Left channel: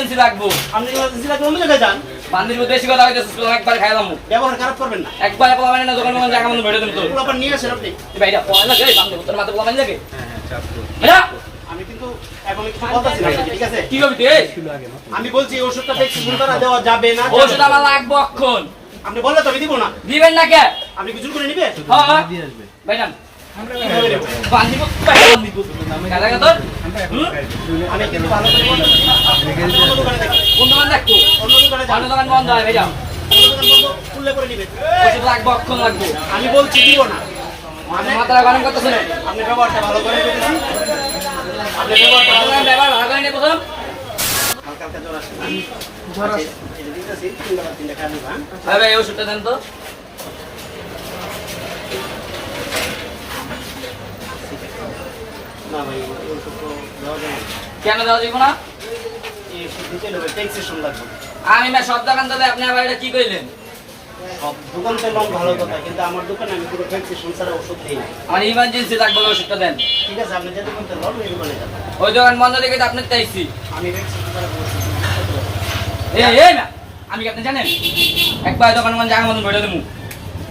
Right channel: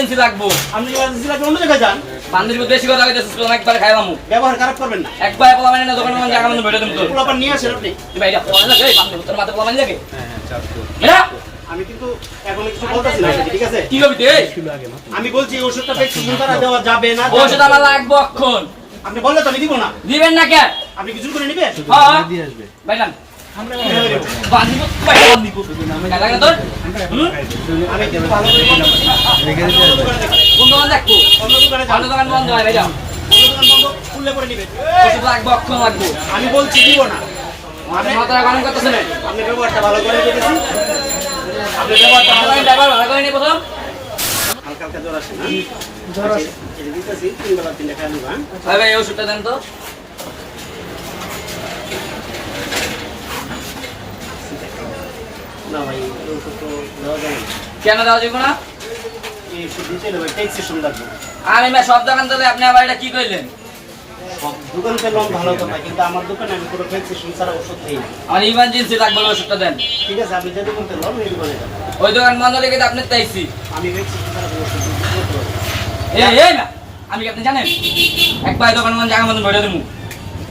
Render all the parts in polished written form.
Emergency লাগবো। আপনি emergency লাগবে অন্য জায়গায় যান। বান্দির বেশি কথা কইতেছিস, তোরা একবার খাইলাম। ব্যবহার খারাপ করবেন না। একবার পোলা মানে না দোকানে মানে জায়গা মতো বেড়ে দেব তো। পোলাপান নিয়ে আসেন আপনি। ভাই এটা পোলা লাগে, বান্দির তোর মাথা পোলা মানে লাগে। হ্যাঁ চাপ তো। এটা আমি কিন্তু এখন কিছু বলতাছি না, ঠিক আছে? কি করবি তুই? আমি বলছি এই ওষুধটা প্রেসক্রিপশন দ্বারা দেওয়া যাবে না। ওষুধ আমার লাগবো এখন। আপনি বললে তো আমি দিব না। দিবেন না কে? আপনি কিছু করে নেবেন? হ্যাঁ দিয়ে আসবে। ভাইজান আমরা কিভাবে নেব? বান্দিব ভাই বান্দিব কালা লাগে তোর? আমি কিন্তু ভালো করে বলতেছি। অন্য দোকানে দেখেন। কোন দোকান দেখবো? অন্য দোকানে যান। অন্য দোকান বন্ধ হয় ভাইজান। অন্য দোকান বন্ধ খুললে করে নেবেন। ওষুধ লাগবো এখন লাগবো। আমি বলছি দিব না। মাথা গরম করতেছেন। আপনি ব্যবহারটা ভালো করে দেখেছি। আপনি ব্যবহারটা ভালো করে ড্রাইভার ভালো করে নে প্রথম। হালকা হালকা জ্বর আসে না? জ্বর আসে। এটা দিতেছি 3 বেলা 3 টাকা নিবা। ভাই ভাই এই ওষুধটা দেন তো। না ভাই এই ওষুধ তো দেওয়া যাবে না। কেন দেওয়া যাবে না? এই ওষুধ দিতে হবে প্রেসক্রিপশন লাগবে। আমি ভাই সব দোকান তাহলে আপনি আবার এটা কি কইলেন? সব দোকান থেকে লোন ভালো কথা, কিন্তু আমার দোকানে আমি পুরো প্রেসক্রিপশন ছাড়া ওষুধ দিই না। আমার ইমার্জেন্সি লাগবে ওষুধটা দেন। ঠিক আছে, আপনি যে দোকান থেকে লোন ওই দোকানে যাবেন। ওই দোকান বন্ধ রেখে তো আপনি চাইছি। আমি প্রেসক্রিপশন ছাড়া ওষুধ দিতে পারবো না। এই না আমি কি আপনি জানেন? একবার দোকান মন জায়গা মতন বেড়ে দেবো।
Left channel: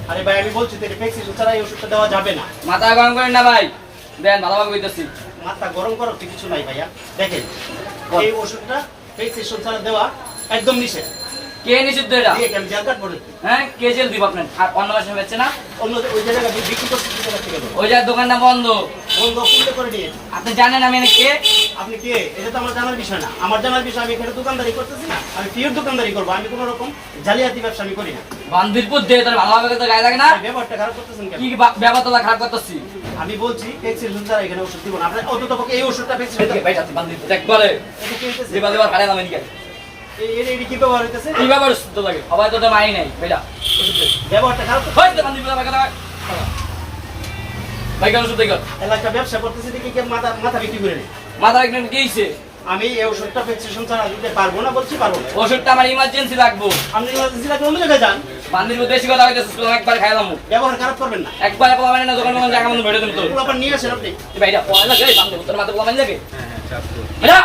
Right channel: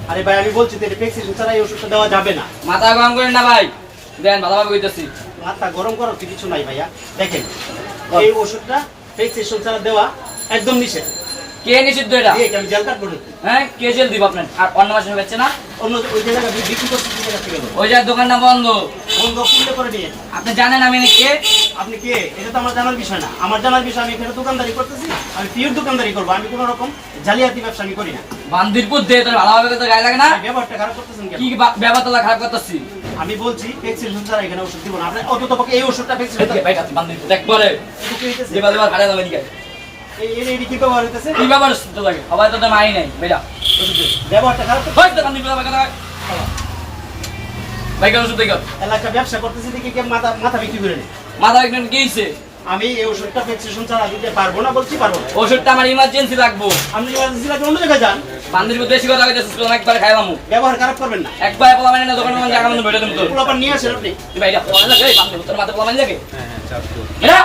আরে ভাই আমি বলছি তো প্রেসক্রিপশন ছাড়া এই ওষুধটা দেওয়া যাবে না। মাথা গরম করেন না ভাই, দেন ভালোভাবে কইতেছি। মাথা গরম করার তো কিছু নাই ভাইয়া। দেখেন এই ওষুধটা প্রেসক্রিপশন ছাড়া দেওয়া একদম নিষেধ। কে নিষিদ্ধ এটা? এই আমি জেল কাটবো নাকি? হ্যাঁ কে জেল দিব আপনার? আর অন্য মাসে বেচছে না? অন্য ওই জায়গায় বিক্রি করতে জায়গা থেকে দেবো। ওই যার দোকানটা বন্ধ। বন্ধ খুললে করে নিয়ে আপনি জানেন আমি এনে কে? আপনি কে? এটা তো আমার জানার বিষয় না। আমার জানার বিষয়, আমি এখানে দোকানদারি করতেছি না। আমি পিওর দোকানদারি করবো। আমি কোনো রকম জালিয়াতি ব্যবসা আমি করি না। বান্দিরপুর দিয়ে তোর ভালোভাবে তো গায়ে লাগে না? এই ব্যবহারটা খারাপ করতেছেন কেন? কি ব্যবহারটা খারাপ করতেছি? আমি বলছি প্রেসক্রিপশন ছাড়া এখানে ওষুধ দিব না। আপনি অন্তত পক্ষে এই ওষুধটা প্রেসক্রিপশন ভাই কাছে বান্দিরপুর একবারে এটা কি হইতেছে? দেবা দেবা হারাই লাম এদিকে। এই কি ব্যবহার হইতেছে? কি ব্যাপার তো লাগে? সবাই তো মাই নাই ভাইটা। ব্যবহারটা খারাপ করতে হইতে বান্দিরপুর ভাই কথা। ভাই কেন শুধু দেখো এলাকা ব্যবসা করতেছে দেখি কে মাথা মাথা বিক্রি করে নেই। মাথা একদম কি হইছে? আমি এই ওষুধটা প্রেসক্রিপশন ছাড়া দিতে পারবো না, বলছি পারবো না। ওষুধটা আমার ইমার্জেন্সি লাগবো। আপনি ইমার্জেন্সি লাগবে অন্য জায়গায় যান। বান্দিরপুর বেশি কথা কইতেছিস, তোরা একবার খাইলাম। ব্যবহার খারাপ করবেন না। একবার পোলা মানে না দোকানে মানে জায়গা মতো বেড়ে দেব তো। পোলাপান নিয়ে আসেন আপনি। ভাই এটা পোলা লাগে, বান্দিরপুর তোর মাথা পোলা মানে লাগে। হ্যাঁ চাপ তো। এটা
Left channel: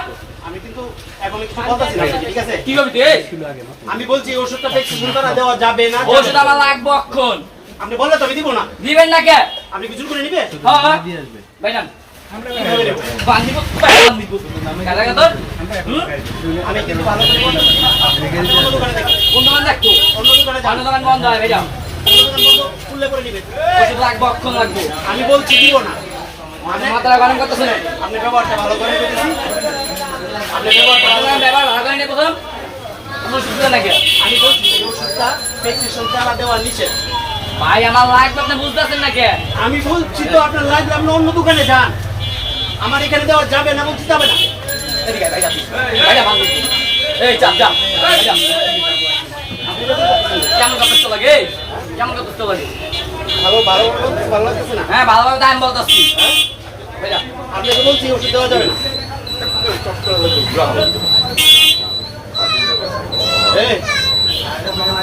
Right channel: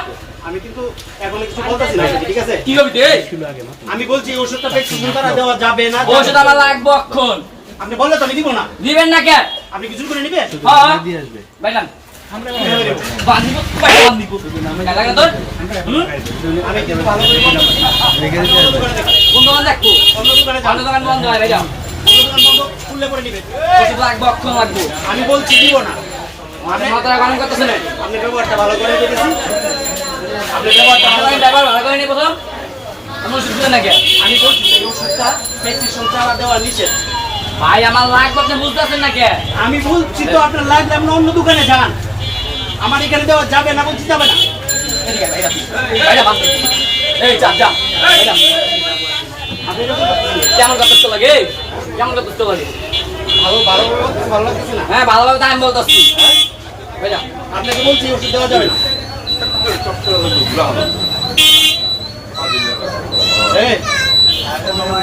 আমি কিন্তু এখন কিছু বলতেছি না, ঠিক আছে? কি করবি তুই? কিলো আগে মাত্র। আমি বলছি এই ওষুধটা প্রেসক্রিপশন দ্বারা দেওয়া যাবে না। ওষুধ আমার লাগবো এখন। আপনি বললে তো আমি দিব না। দিবেন না কে? আপনি কিছু করে নেবেন? হ্যাঁ দিয়ে আসবে। ভাইজান আমরা কিভাবে নেব? বান্দিরপুর ভাই বান্দিরপুর কালা লাগে তোর? আমি কিন্তু ভালো করে বলতেছি। অন্য দোকানে দেখেন। কোন দোকান দেখবো? অন্য দোকানে যান। অন্য দোকান বন্ধ হয় ভাইজান। অন্য দোকান বন্ধ খুললে করে নেবেন। ওষুধ লাগবো এখন লাগবো। আমি বলছি দিব না। মাথা গরম করতেছেন। আপনি ব্যবহারটা ভালো করে দেখেছি। আপনি ব্যবহারটা ভালো করে ড্রাইভার ভালো করে নে প্রথম। আমি ওষুধ দেন নাকি? আমি বলছি এই ওষুধটা প্রেসক্রিপশন ছাড়া দেওয়া নিষেধ। ভাই আমার লাগবে আপনি বুঝতেছেন না কে? আমি বলছি তো আপনার লাগলে আপনি অন্য দোকানে যান। আমার এখানে দেওয়া যাবে না, বলছি যাবে না। এদিকে ভাইরা ভাইরা বান্দিরপুর। এই যা যা ভাইরা। আপনি এটা তো করতেছেন না। কেমন কথা লাগে? কেমন কথা লাগে? ভালো ভালো ভালো লাগতেছে না। হ্যাঁ ভালোভাবে তো আমি বলতেছি। ভাইরা আপনাকে বলছি এই ওষুধ দেওয়া যাবে না। এই,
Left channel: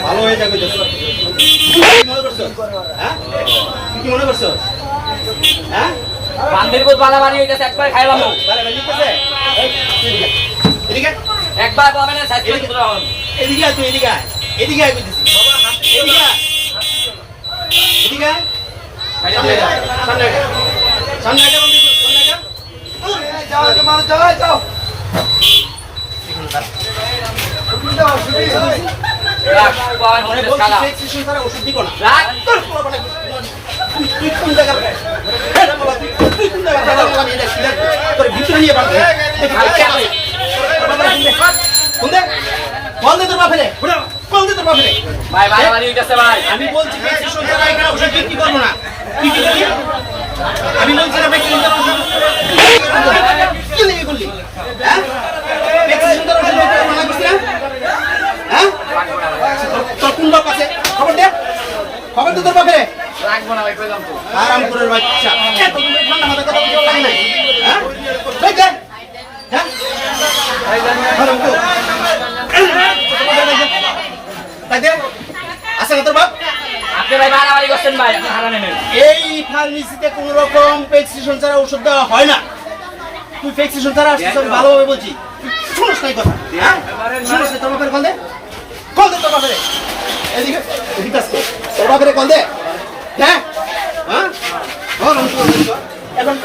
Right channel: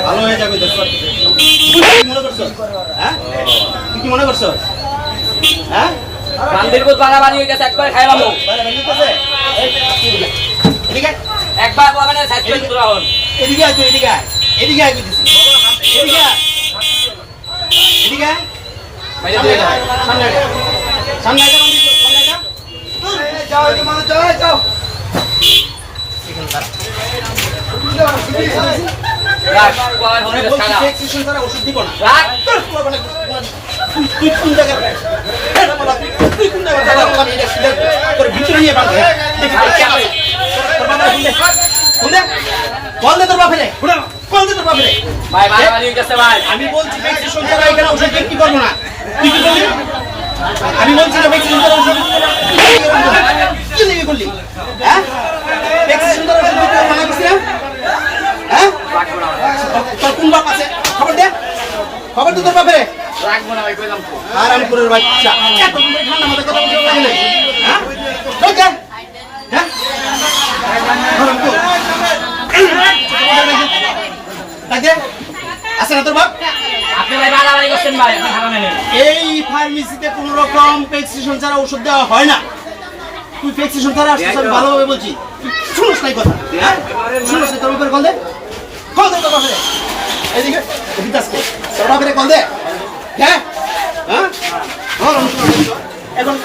ভালো হয়ে যাবে দেখো। তুই কি মনে করছো? হ্যাঁ? তুই কি মনে করছো? হ্যাঁ? বান্দিরপুর বাড়াবাড়ি হয়ে গেছে, একবার খাইলাম। বাইরে বাইরে করছে? এই, এদিকে আয়। একবার বলবেন সাইড করে দূর হন। এদিকে আয় তুই, এদিকে আয়। এদিকে আয় বলতেছি। এদিকে আয়। এদিকে আয়। ভাইরা দিয়ে দাও। সামনে আয়। সামনে আয়, সামনে আয়। এখানে দাঁড়া। রাখ বাবা মানে হনে বলছি খালা। প্রেসক্রিপশন ছাড়া ওষুধ দিব না। রাখ তোর পোলা মানে তুই কোন জায়গার এটা বলা, তুই কোন জায়গার জায়গা বলা, আমি দেখছি দেখ তোর ভিতরে নিয়ে বাঁধ দেখ ভাই কে ভাই কোন দে বল দে তোর বাপে রে বল দে তোর বাপে রে ভাই বাড়াবাড়ি হয়ে গেছে ভাই। আমি বলছি প্রেসক্রিপশন ছাড়া এখানে ওষুধ বিক্রি করব না। তুই কি করলি? আমি বলছি না প্রেসক্রিপশন ছাড়া ওষুধ কি লিখে করলি? হ্যাঁ প্রেসক্রিপশন ছাড়া ওষুধ বিক্রি মানা করছিস না? হ্যাঁ তোর কোন বাপ আছে খবর দে, খবর দে তোর বাপে রে। রাখবো না ভাই কইলাম তো। আরামপুরের বাচ্চা এত ঠান্ডা মাথায় কথা বলতে পারি নাই। হ্যাঁ ভাই যা হ্যাঁ আরামপুর তাই দে আছে না তোর বাপ? আপনি ভাই বাড়াবাড়ি করছেন ভাই, আপনি খারাপ নেন। এই ফার্মেসিতে কোন রকম প্রেসক্রিপশন ছাড়া ওষুধ দেওয়া হয় না। তুই প্রেসক্রিপশন ছাড়া আসছিস, আমি ভালোভাবে বলছি। তুই শুনোস নাই কথা হ্যাঁ শুনো তোর বাপের কল দে কল দে তোর বাপের এদিকে এদিকে আসছে তোর বাপের কল দে হ্যাঁ হ্যাঁ এখন